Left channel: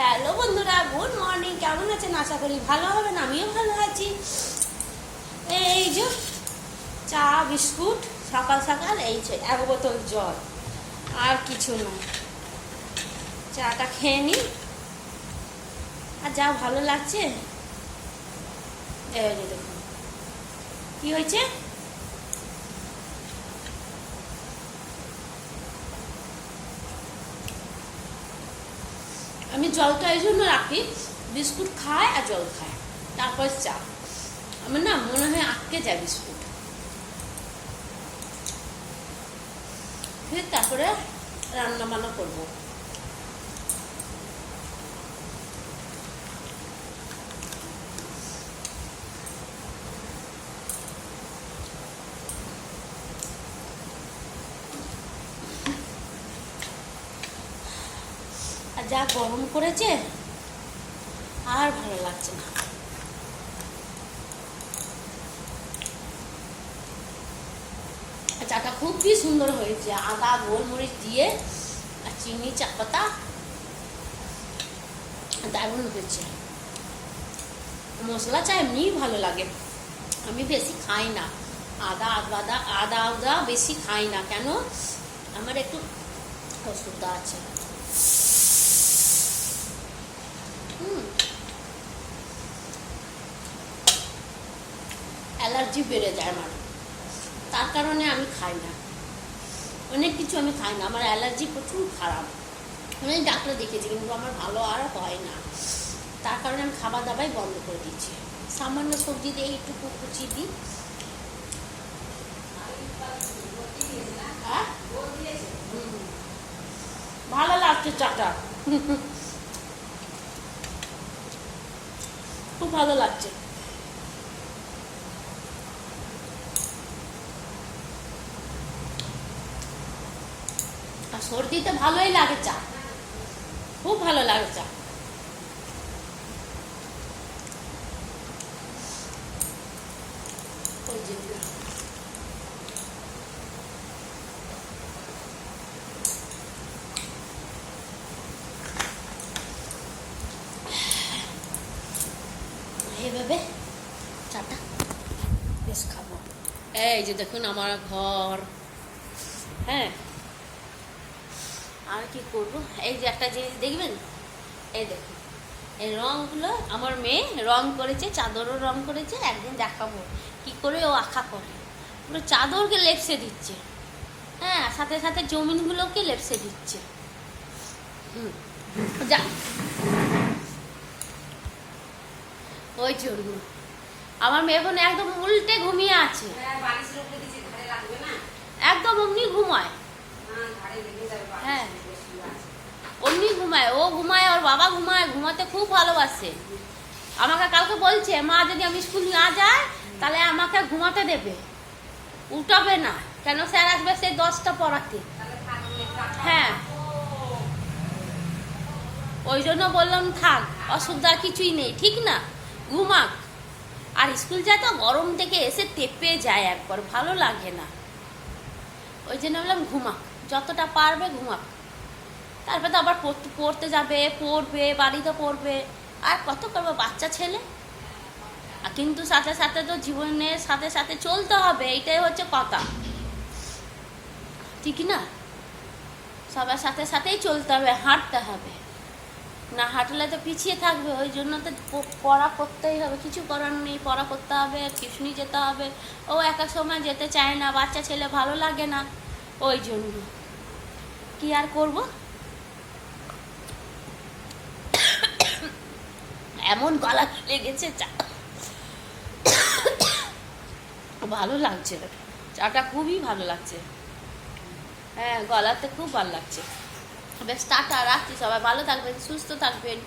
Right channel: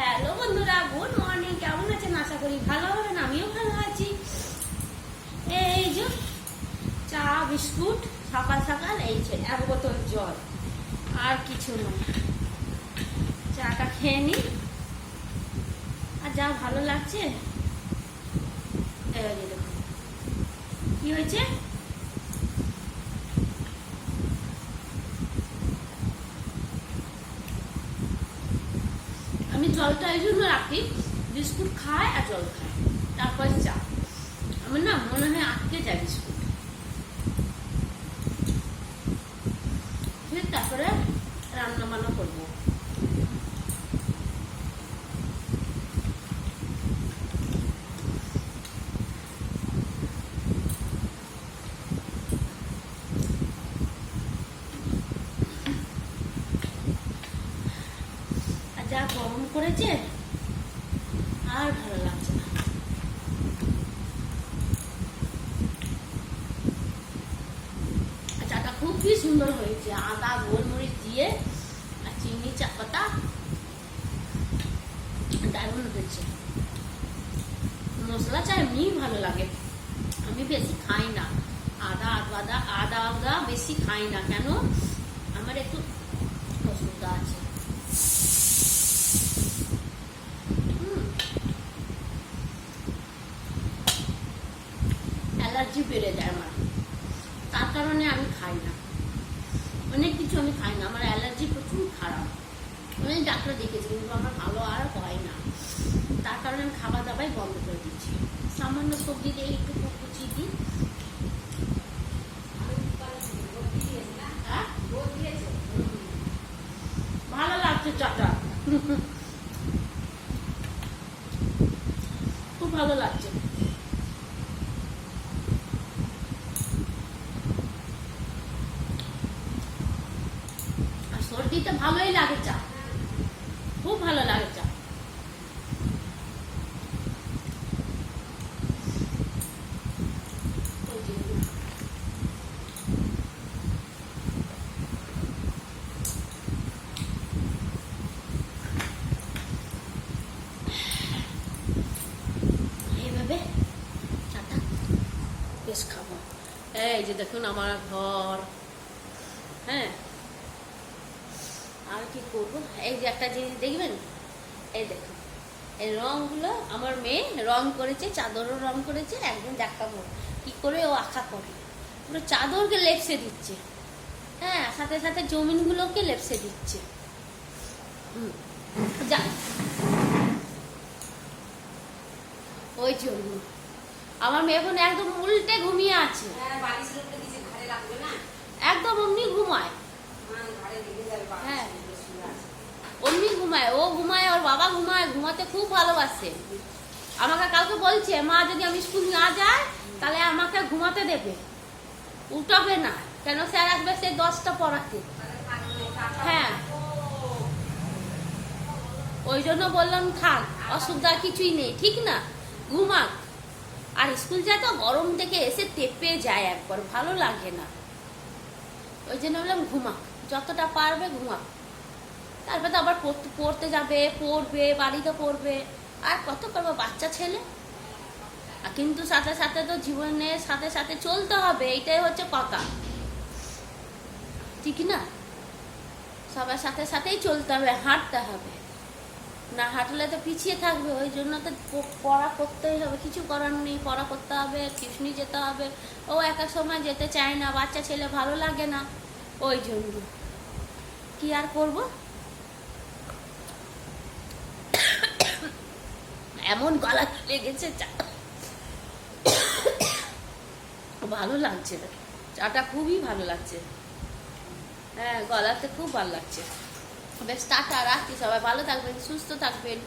Hello বন্ধুরা, good morning. কেমন আছেন? আশা করি ভালো হবেন। আমিও ভালো আছি। এই যে চা বিস্কুট সকাল সকাল, এই যে এক বোতল জল, আর কিছু নয়। চাটা খেয়ে নিই। আর যা ভালো লাগছে। এই যে দেখুন কি হয়েছে। আমি জলটা এই জন্য রাখি, বিস্কুট খায় আর জল খায়, তারপর চা। আমার না মনে হয় আটকে যায় বিস্কুট। ফির তারপরে রান্না বান্না করবো। যা গরম করেছে আর ভালো লাগছে না। চাটা খুবই সুন্দর হয়েছে, আদা গোলমরিচ দিয়ে আর চিনি চা পাতা, দারুণ হয়েছে। মশলা চা এমনি ভালো লাগে। আমি বেশি খাই না আদা বেশি খাই না। কেন? আমার একটু অসুবিধা আছে। অ্যালার্জি বেড়ে যায় আমার, তার কারণে আমি খাই না। অনেক কিছু আমি খাই না, আমার অ্যালার্জি প্রচুর খারাপ। আমি ডাক্তার দেখেছি, কিন্তু আমার ভালো আর হয় না। তার কারণে আমি খাবার দাবাই বন্ধ করে দিচ্ছি। সামান্য সবজি দিয়ে একটু কুচি দিই। ভালো লাগছে চাটা, খুব ভালো লাগছে। আর সর্দিতে ভালোই লাগে চা, খুব ভালো লাগে চা। এইভাবে চাটা বেশ খাবো। এই যে দেখুন আমার ঘর। হ্যাঁ, আর কি করব। এই যে একটা জিনিস দেখবেন, এই দেখুন এই রংগুলো আমার মেয়ে রং করেছে, চাদরও রং করেছে। একদিন দেখাবো কি করে ও আঁকা করে। পুরো চাদরকে লেপসে দিচ্ছে, হ্যাঁ, সাথে সাথে জমিনগুলোকে লেপসে দিচ্ছে। যা ওই জন্য আমার মেয়ে বোন একদম উল্টে ঘুমিয়ে আছে, একদম অমনি ঘুমায়। হ্যাঁ, অমনি ঘুমায়, ও ঘুমায়, ওর বাবা ঘুমায়, ঘুমাতে খুব ভালোবাসে। আমাকে কালকে বলছে, মা যদি আমি স্কুল না যাই তাহলে আমাকে ঘুমাতে দেবে, উঠাবে না। কেন? স্যার আসবে সেই 10টা পড়াতে। হ্যাঁ, ওই জন্য বললাম থাক, অসুবিধা কিছুই নেই, ঠিক না, ঘুমাক। আর স্কুল যায় তো গরম থেকে এসে তেপে যায়, একবার ভালো লাগে না। ওই জন্য বললাম ঘুমাক, যতটা পারবে ঘুমাক। তারপর তো আবার পড়তে যাবে, পড়বে, বাড়িতে পড়বে, আর কত করবে, বাচ্চা ছেলে। কিন্তু সাথে সাথে তো জীবনের সাথে সাথে চলতে হবে, এইটাই হচ্ছে কথা, ঠিক না? সবার সাথে সাথেই চলতে হবে, হাঁটতে হবে, না হাঁটলে তো পিছিয়ে থাকবে। ওই জন্য তো পড়া করতেই হবে, কিছু করার নেই, পড়া করতে হবে, টিউশনি যেতে হবে। ও এক এক সময় যেতে চায় না, বাচ্চা ছেলে, ভালো লাগে না। ওই জন্য কি আর করব। এমন গলা লেগেছে, চা ভালো লাগছে, চাটা খুবই ভালো লাগছে। হ্যাঁ, গলাতে খুব ভালো লাগছে। বেশ, টাটা, রাখছি। সবাই ভালো থাকবেন, সুস্থ থাকবেন।